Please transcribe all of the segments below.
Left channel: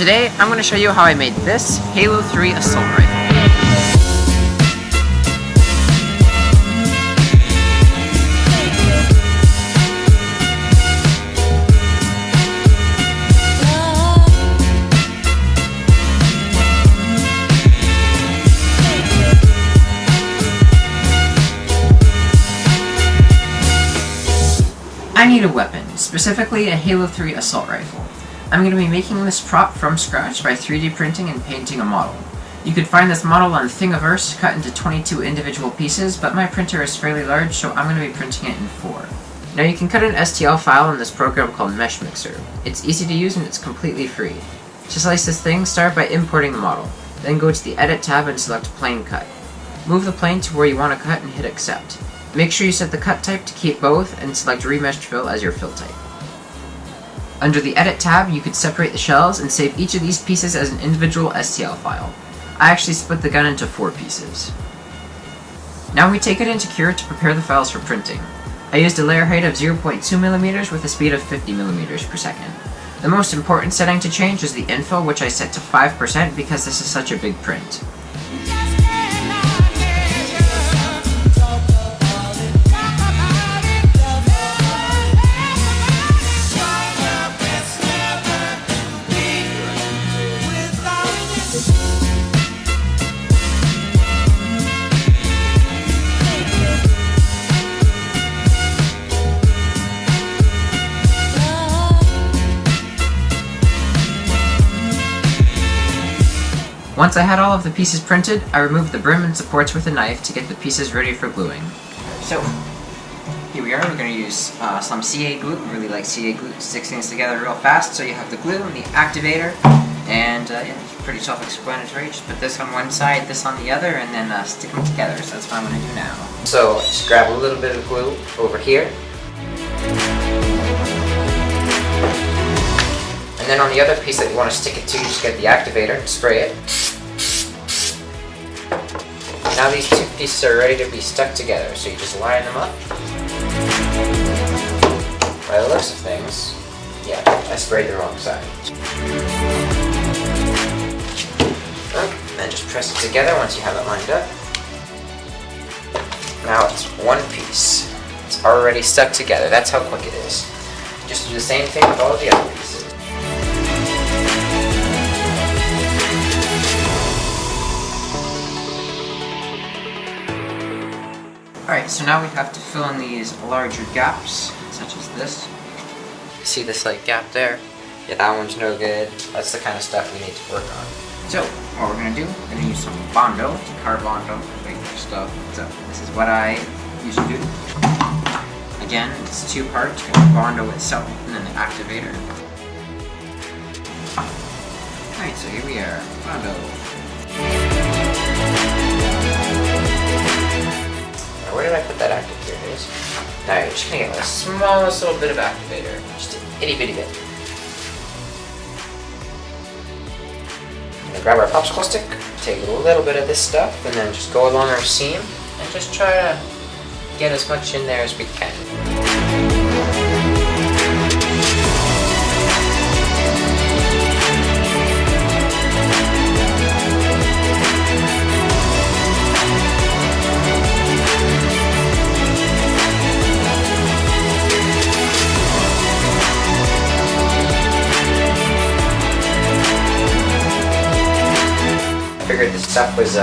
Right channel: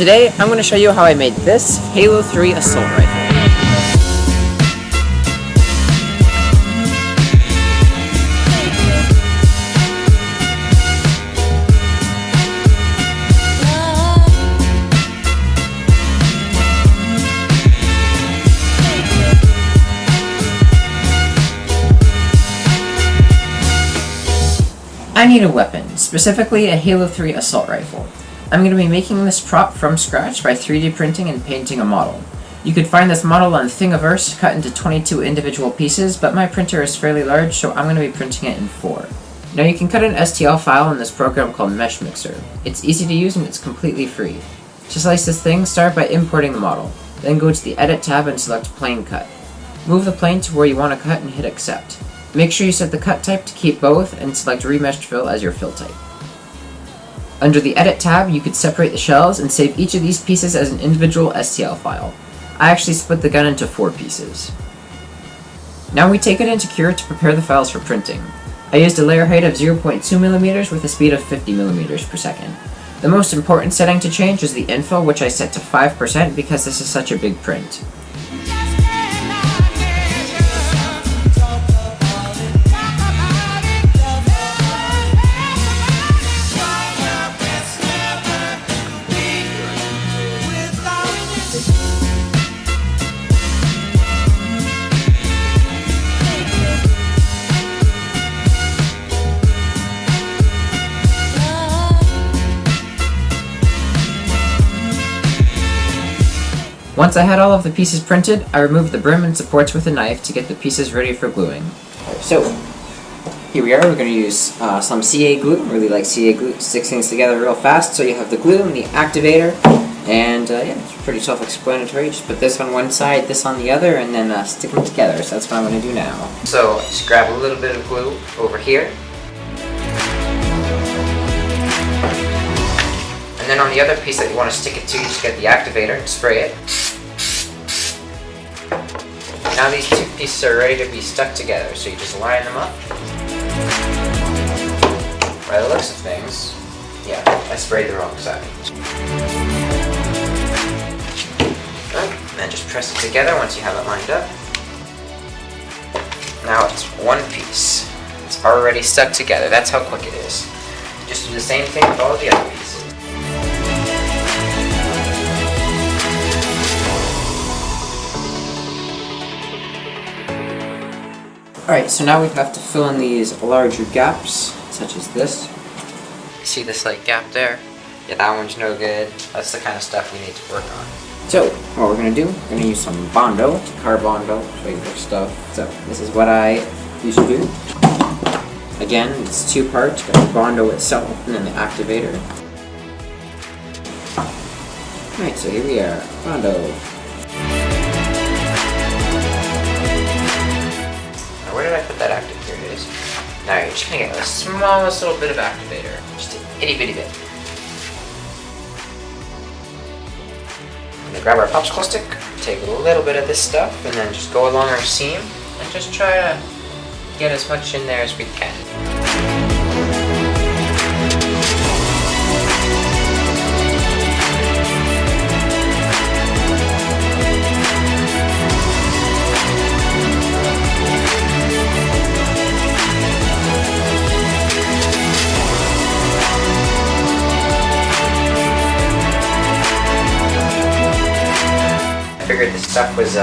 Today, I'm going to show you how I made this Halo 3 assault rifle. I need a weapon, specifically a Halo 3 assault rifle. I'm going to be making this prop from scratch by 3D printing and painting a model. You could find this model on Thingiverse cut into 22 individual pieces, but my printer is fairly large, so I'm going to be printing it in 4. Now you can cut an STL file in this program called Mesh Mixer. It's easy to use and it's completely free. To slice this thing, start by importing the model. Then go to the Edit tab and select Plane Cut. Move the plane to where you want to cut and hit Accept. Make sure you set the cut type to keep both and select Remeshed Fill as your fill type. Under the Edit tab, you could separate the shells and save each of these pieces as an individual STL file. I actually split the gun into 4 pieces. Now we take it into Cure to prepare the files for printing. I used a layer height of 0.2mm with a speed of 50mm per second. The most important setting to change is the infill, which I set to 5% because this is such a big print. Once I had all of the pieces printed, I removed the brim and supports with a knife to get the pieces ready for gluing. So, here we are. We're going to use some CA glue. I really like CA glue. It sticks things together real fast. So you have the glue and the activator, and yeah, it's pretty self-explanatory. Just put this on one side, this on the other, and then stick them together. So that's what I'm going to do now. So just grab a little bit of glue over here. And then on the other piece that you want to stick it to, you just get the activator and spray it. Now these 2 pieces are ready to be stuck together, so you just line them up. By the looks of things, yeah, I sprayed the wrong side. And then just press it together once you have it lined up. Now it's 1 piece. It's already stuck together. That's how quick it is. Just do the same thing with all of the other pieces. Alright, so now we have to fill in these larger gaps, such as this. See this like gap there? Yeah, that one's no good. That's the kind of stuff we need to work on. So, what we're going to do, we're going to use some Bondo, car Bondo, regular stuff. So, this is what I used to do. Again, it's 2 parts, got the Bondo itself and then the activator. Alright, so here we are, Bondo. Where did I put that active? Here it is. Now you're just going to get the smallest little bit of activator. Just an itty bitty bit. I'm going to grab our popsicle stick, take a little bit of this stuff, and then just go along our seam, and just try to get as much in there as we can. I figured this stuff was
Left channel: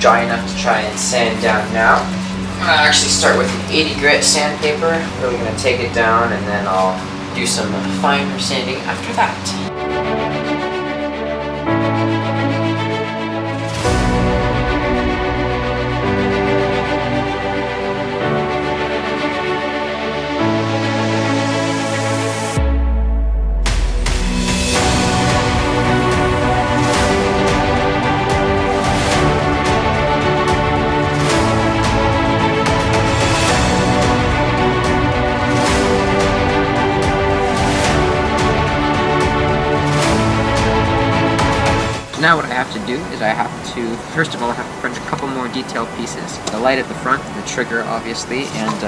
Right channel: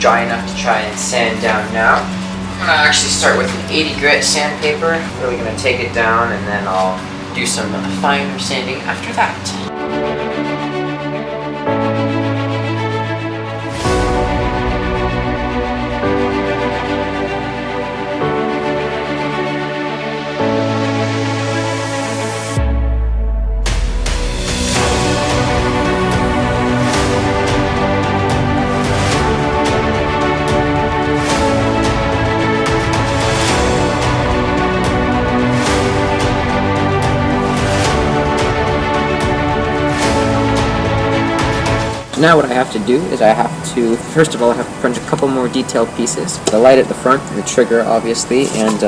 dry enough to try and sand down now. I'm going to actually start with an 80 grit sandpaper. Really going to take it down and then I'll do some finer sanding after that. Now what I have to do is first of all I have to print a couple more detailed pieces. The light at the front, the trigger obviously, and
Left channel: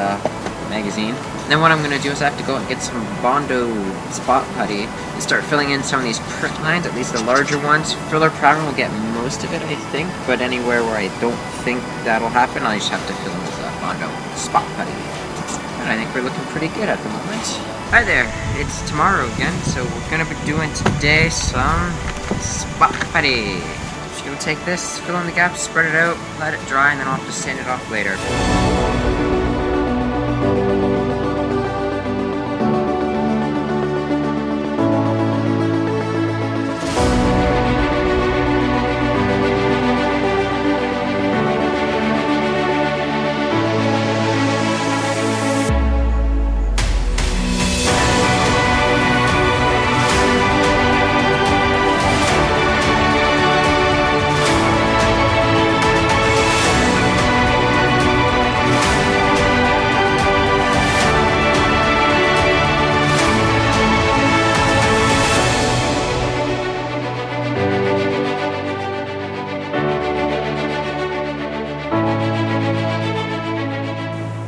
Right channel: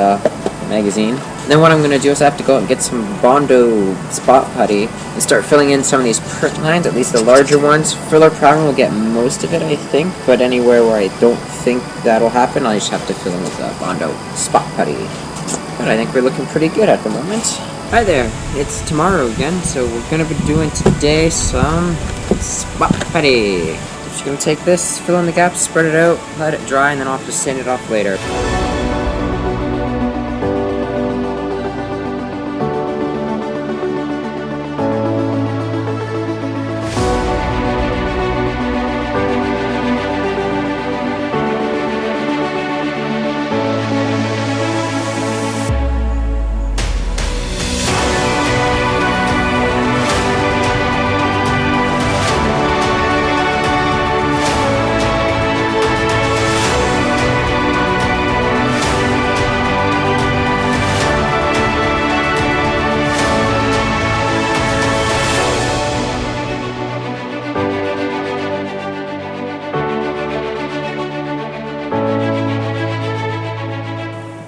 magazine. And then what I'm going to do is I have to go out and get some Bondo spot putty and start filling in some of these print lines, at least the larger ones. Filler primer will get most of it, I think, but anywhere where I don't think that'll happen, I just have to fill in with Bondo spot putty. But I think we're looking pretty good at the moment. Hi there, it's tomorrow again, so we're going to be doing today some spot putty. Just going to take this, fill in the gaps, spread it out, let it dry, and then I'll have to sand it off later.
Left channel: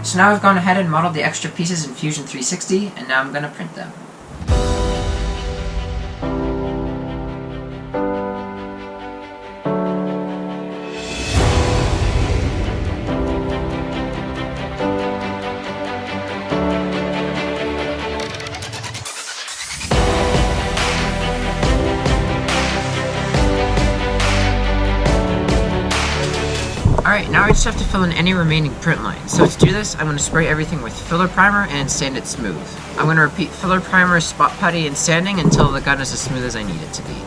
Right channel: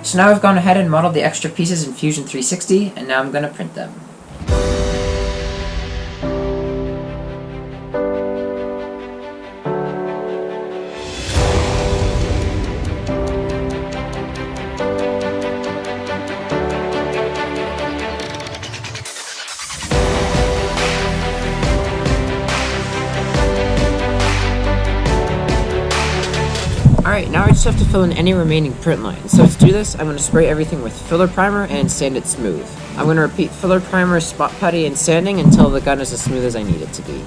So now I've gone ahead and modeled the extra pieces in Fusion 360, and now I'm going to print them. Alright, now I just have to fill in any remaining print lines. So to do this, I'm going to spray everything with filler primer and sand it smooth. I'm going to repeat filler primer, spot putty, and sanding until the gun is as smooth as I need it to be.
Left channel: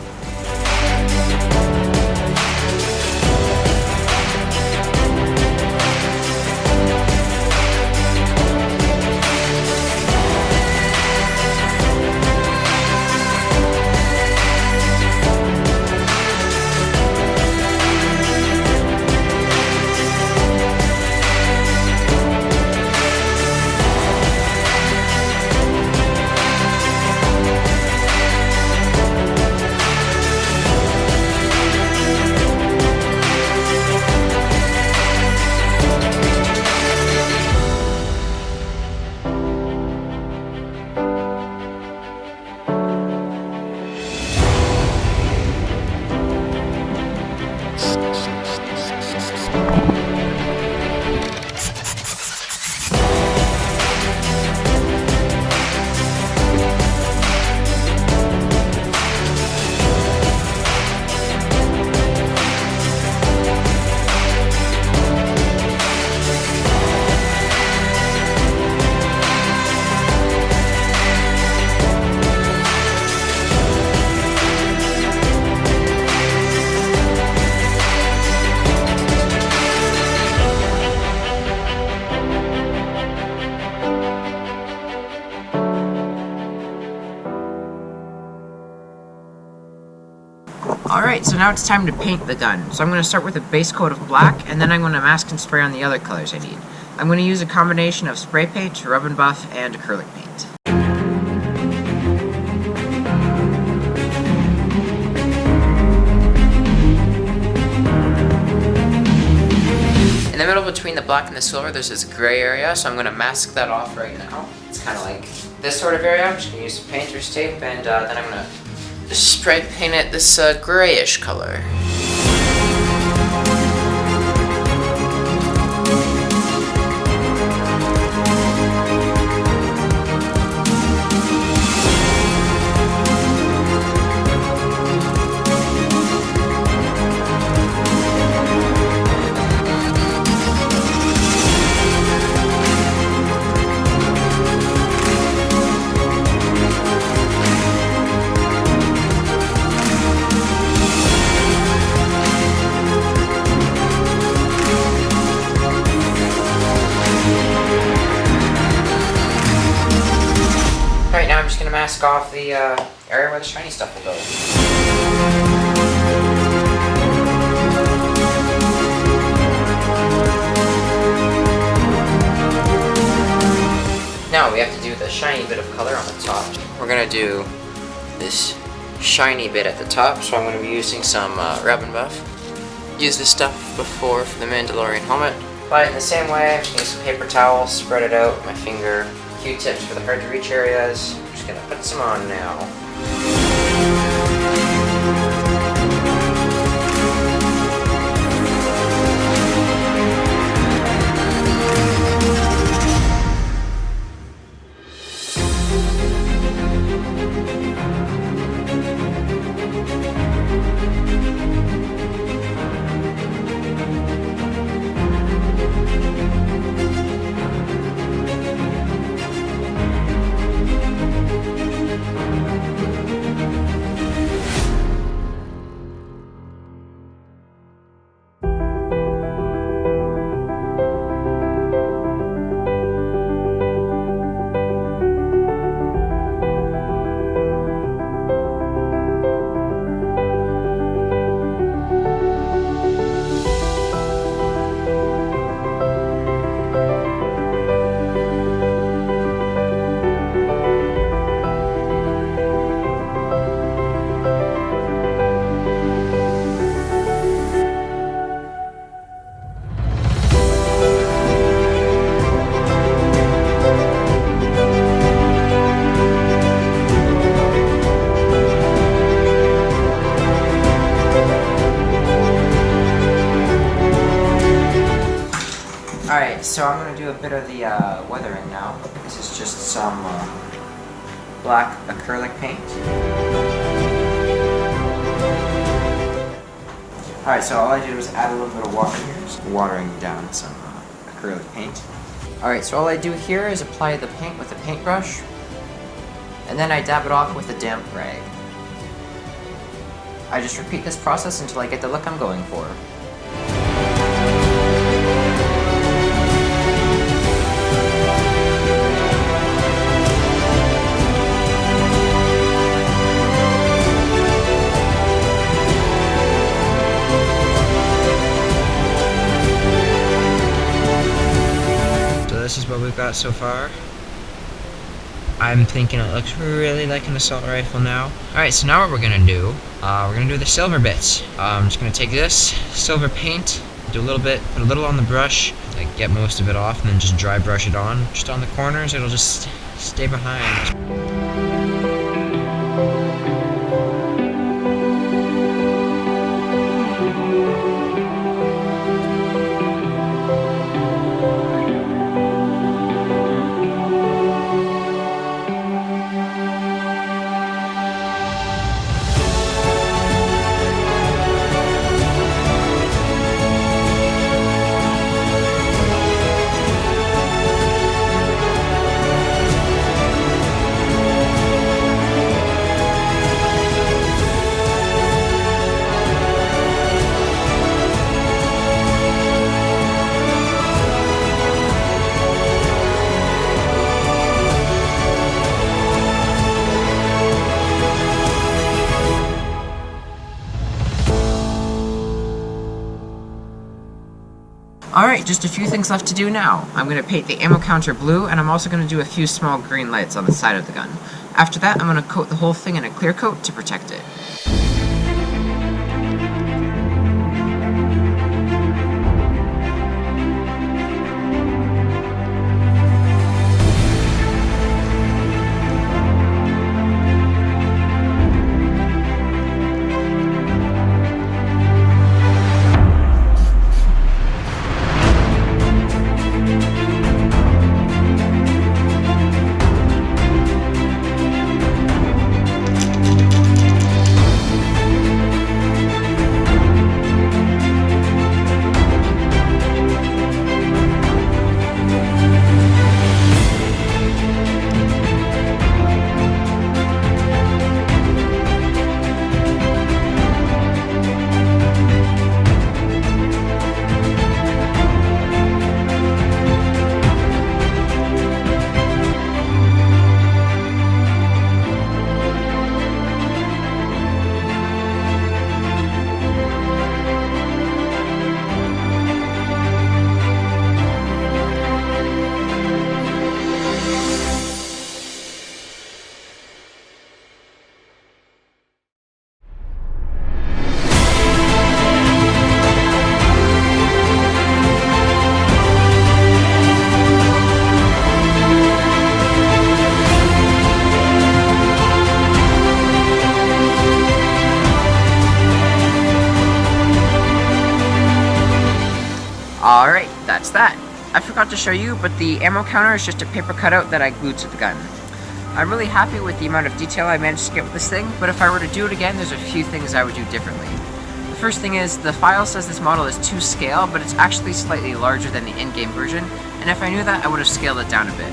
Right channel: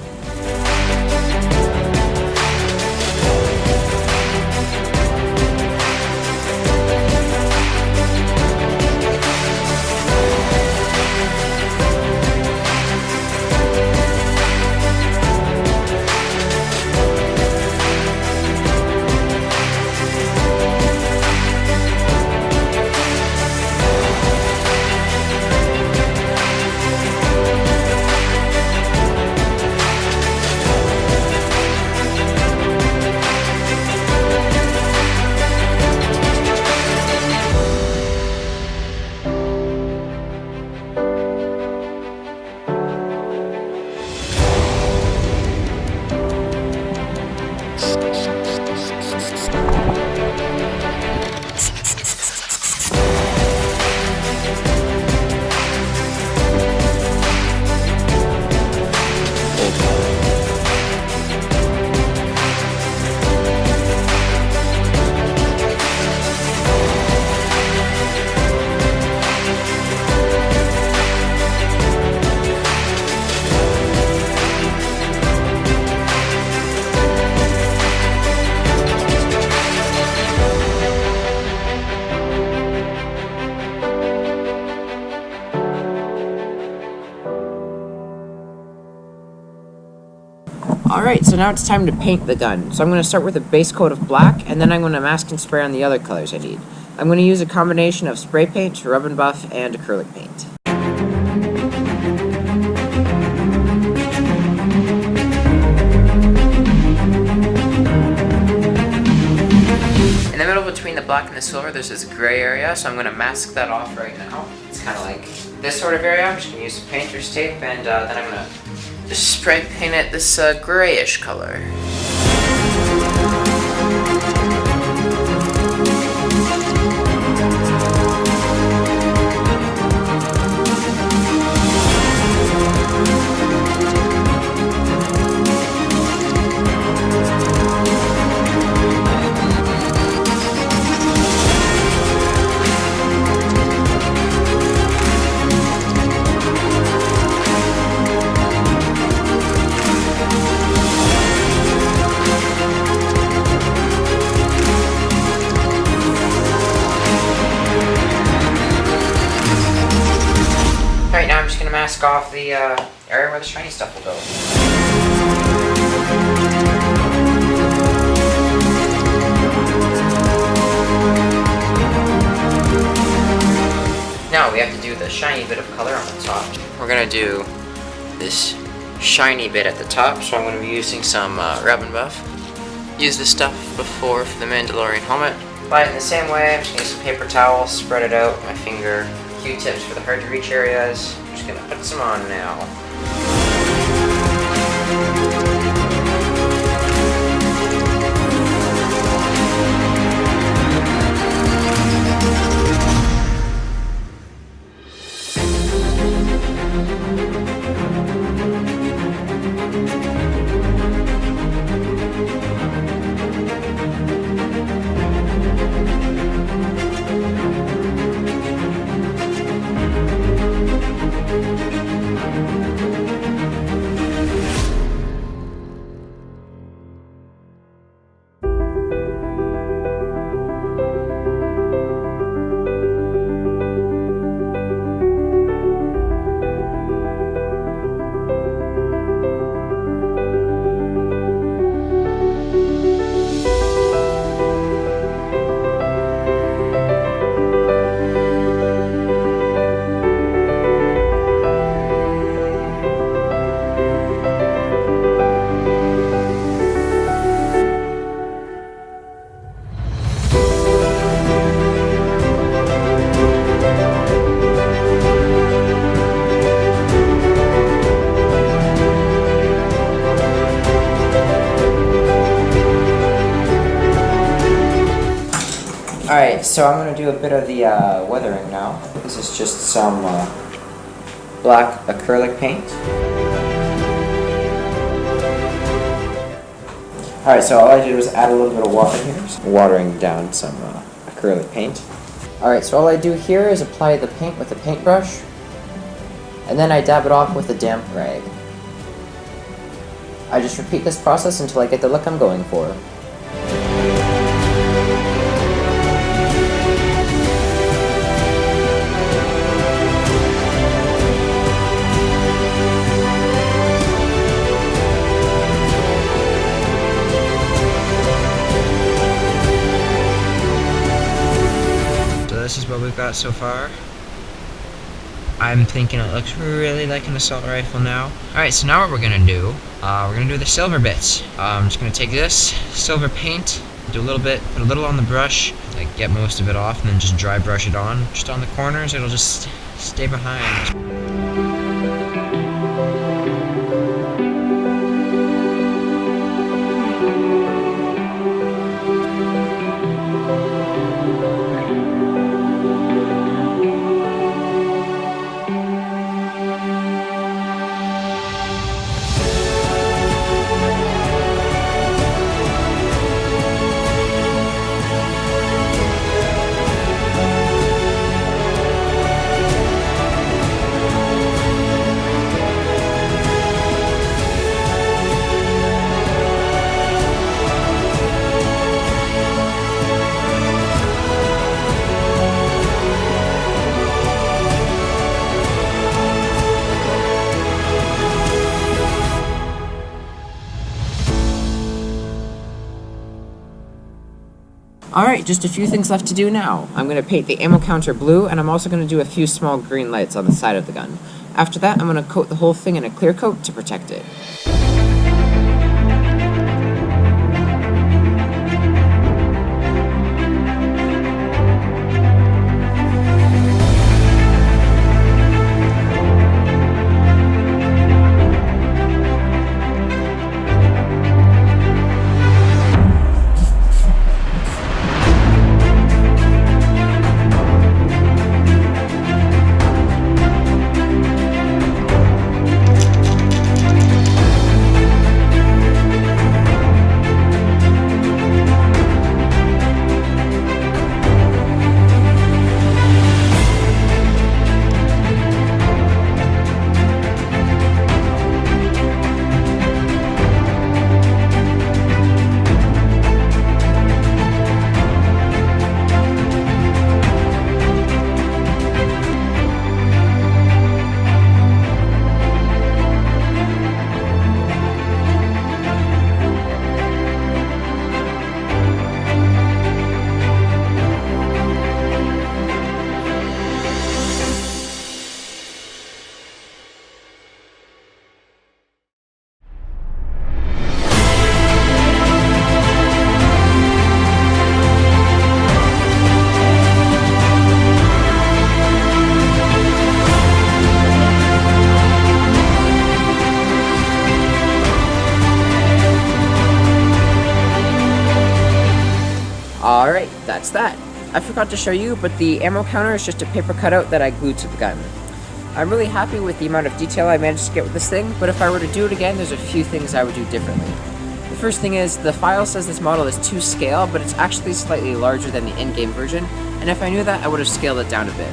Alright, so now it's time to paint the gun. So I'm going to start with a base coat of black, and then I'm going to mask and spray on the other colors I need. I'm going to use a combination of spray paint, rub and buff, and acrylic paint. In the middle between the black and the silver, there's this gray area, so I'm going to mask that off right now. It's kind of like this sort of area. I'm just going to use some painter's tape, and then I'm going to just spray paint it this grayish color. Alright, now I'm just going to mask off the area where the shiny stuff will go. Now we have to do the shiny bit of color on the top. We're going to do this shiny bit at the top, so I'm going to be using some rub and buff. Used this stuff before for the Mandalorian helmet. apply it in the same way. I'm just gonna use some paper towel, spread it out, my finger, Q-tips for the hard to reach areas. I'm just gonna put some on now. Alright, so I'm going to do a bit of the weathering now. This is just some black acrylic paint. Alright, so all I did was add a little bit of water here. Just watering down some acrylic paint. Alright, so all I do here is apply the paint with a paintbrush, and then I dab it off with a damp rag. I just repeat this process until I get the look I'm going for. This is what we've got so far. I'm thinking it looks really like an assault rifle now. Alright, so now what we're gonna do, we're gonna do the silver bits. I'm just gonna take this silver paint, do a little bit, put a little on the brush, like get most of it off, and then just dry brush it on. Just on the corners, it'll just stay behind. Alright, just a few things left to do now. I'm going to paint the ammo counter blue, and I'm also going to do a few small green lights on the side of the gun. After that, I'm going to coat the whole thing in a clear coat to protect it. Alright, that's that. I forgot to show you, but the ammo counter is just a paper cutout that I glued to the gun. I'm really happy with the amount of detail I managed to get with this thing, but if I were to do it again, there's a few things I would do differently. The first thing is, the file says this model is to scale, but it's actually slightly larger than the in-game version, and if I knew that, I would have scaled it down a bit.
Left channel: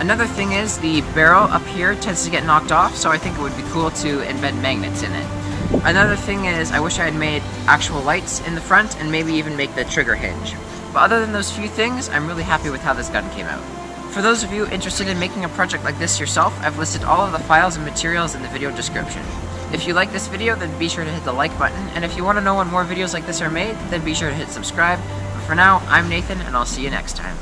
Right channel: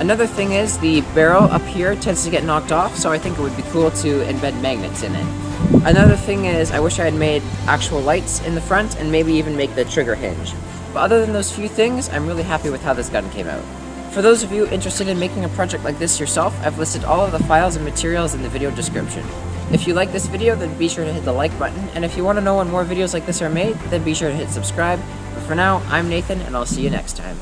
Another thing is, the barrel up here tends to get knocked off, so I think it would be cool to embed magnets in it. Another thing is, I wish I had made actual lights in the front, and maybe even make the trigger hinge. But other than those few things, I'm really happy with how this gun came out. For those of you interested in making a project like this yourself, I've listed all of the files and materials in the video description. If you like this video, then be sure to hit the like button, and if you want to know when more videos like this are made, then be sure to hit subscribe. But for now, I'm Nathan, and I'll see you next time.